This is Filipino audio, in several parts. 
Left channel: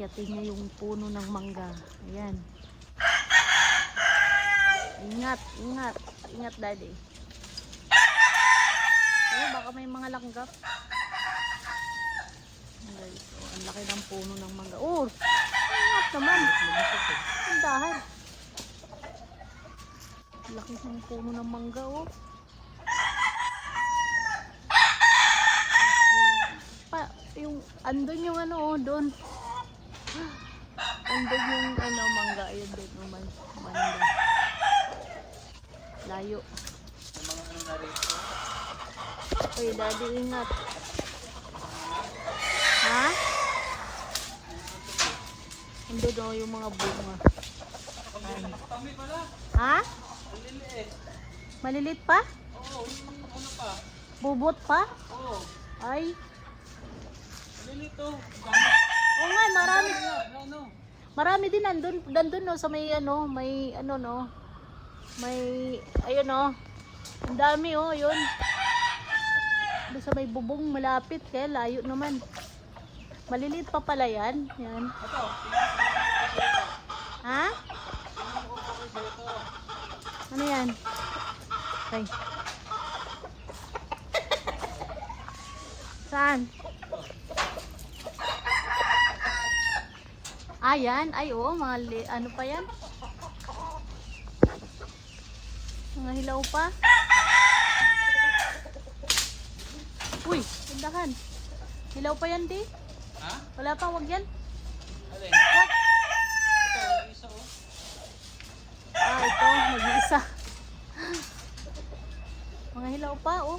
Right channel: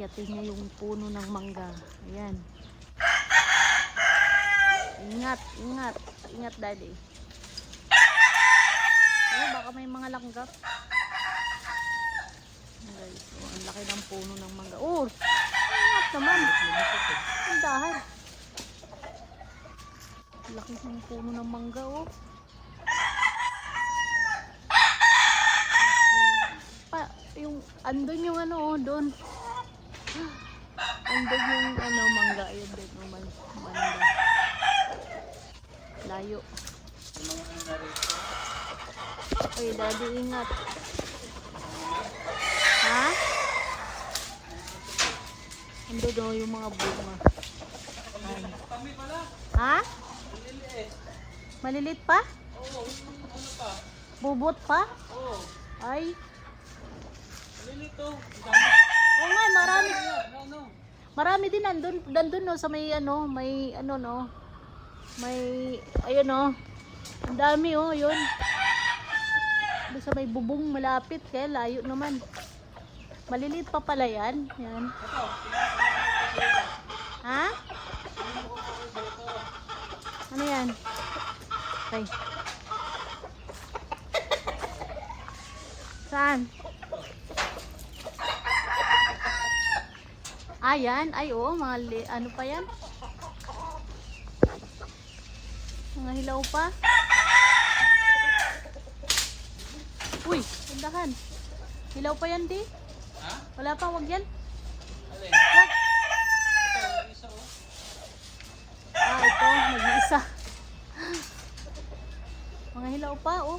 Akyatin niya yung puno ng mangga. Ayan. Ingat, ingat. Ingat, daddy. Oh, baka may mga langgam. Guys, ang laki ng puno ng mangga. Oh! Ingat naman. Ang dahan. Ang laki ng puno ng mangga, oh. Andun yung ano, oh, doon. Andun yung ano, mangga. Ayun doon yung mangga. Layo. Okay, daddy, ingat. Ha? Andun doon yung mga bunga. Ha? Malilit pa? Oo, ano pa? Bubot pa? Oo. Ay. Lilito. Oo nga, marami. No. Marami din nandun no, sa may ano, no. May, ayun no. Ang dami oh, yun. Doon sa may bubong malapit, kaya layo naman. Maliliit pa pala yan. Yan. Ito. Ha? Ano yan? Ay. Saan? Ayan, ay oo, ano pa yan? Mga hilaw pa. Uy, tindahan. Hilaw pa yan, di? Ha? Wala pa, wag yan. Alin? Ito, isa oh. Ah, ito, mag-iisa. Mga hilaw pa, oh.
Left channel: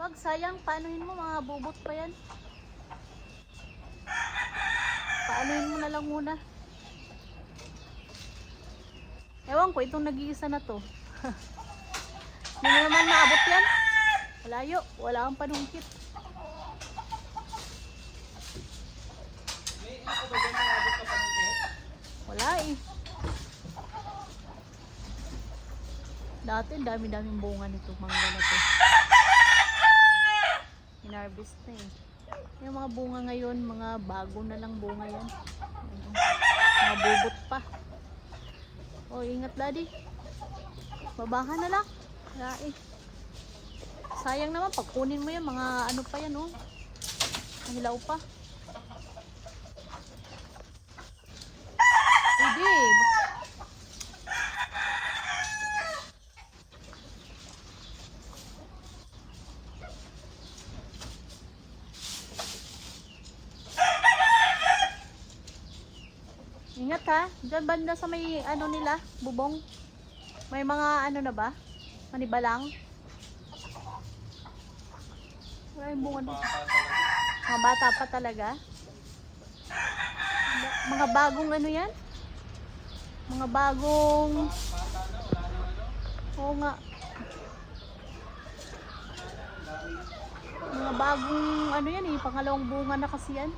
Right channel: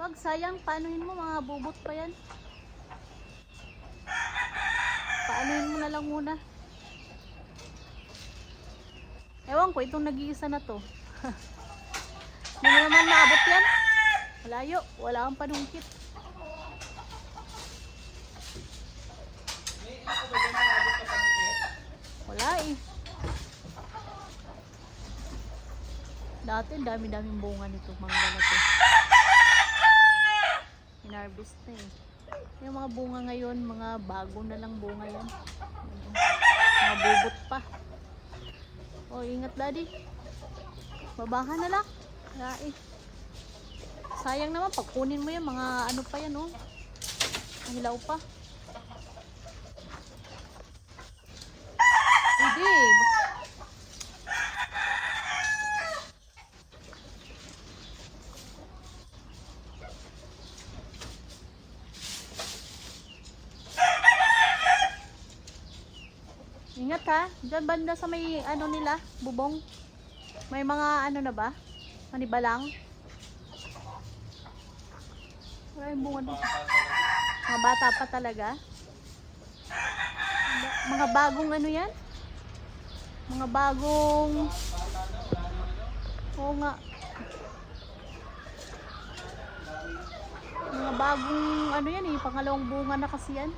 Wag, sayang, paanoin mo, mga bubot pa yan. Paanoin mo na lang muna. Ewan ko, itong nag-iisa na to. Hindi mo naman maabot yan. Malayo, wala kang panungkit. May ako ba dyan nakabot ka panungkit? Wala eh. Dati, dami-daming bunga nito. Mga ganito. Inharvest eh. Yung mga bunga ngayon, mga bago na lang bunga lang. Mga bubot pa. Oh, ingat daddy. Babahan na lang. Wala eh. Sayang naman, pagkunin mo yan, mga ano pa yan oh. Ang hilaw pa. Hindi eh. Ingat ha, dyan banda sa may ano nila, bubong. May mga ano na ba? Manibalang. Ay, bunga na. Mga bata pa talaga. Mga bagong ano yan? Mga bagong... Oo nga. Mga bagong ano yan eh, pangalawang bunga na kasi yan.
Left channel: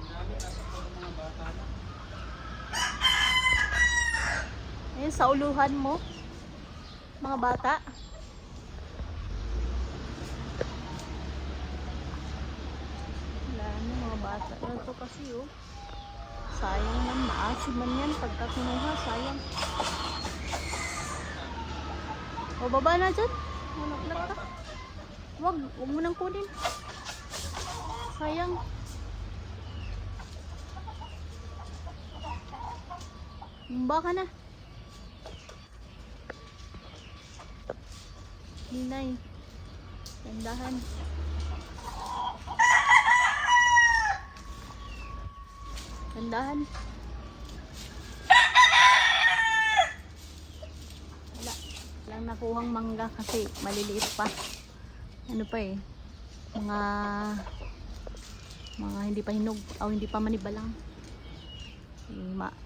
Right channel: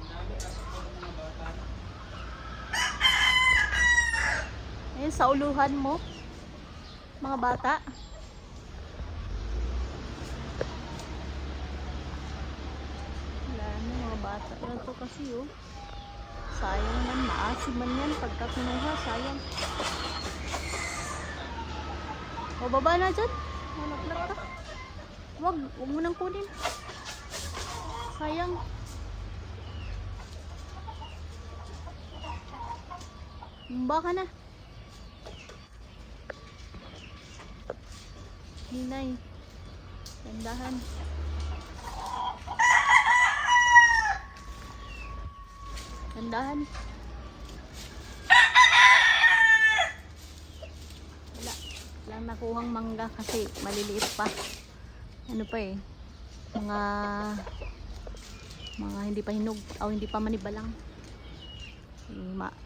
Ayan, sa uluhan mo. Mga bata. Wala na, mga bata pa ito kasi oh. Sayang yan, maasim man yan. Pagka pinuha, sayang. Bababa na dyan. Wag mo nang kunin. Sayang. Baka na. Hinay. Tindahan. Tindahan. Wala nakuhang mangga kasi maliliit pa. Ano pa eh. Mga hindi pa hinog o hindi pa manibalang.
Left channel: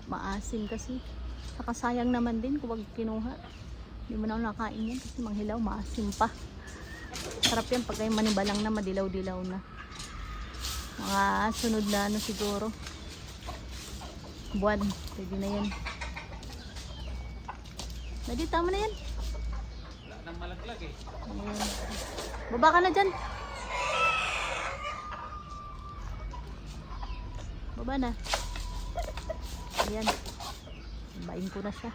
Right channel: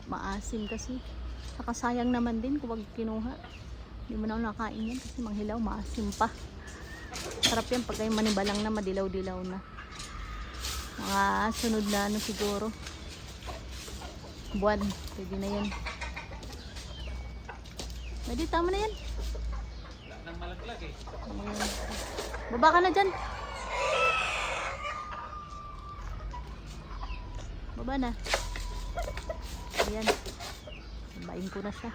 Maasim kasi. Saka sayang naman din kung wag kinuha. Hindi mo na nakain yan kasi manghilaw, maasim pa. Sarap yan pag manibalang na, madilaw-dilaw na. Mga sunod na ano siguro. Buwan, pwede na yan. Pwede, tama na yan. Wala nang malaglag eh. Baba ka na dyan. Baba na. Ayan. Bain ko na siya.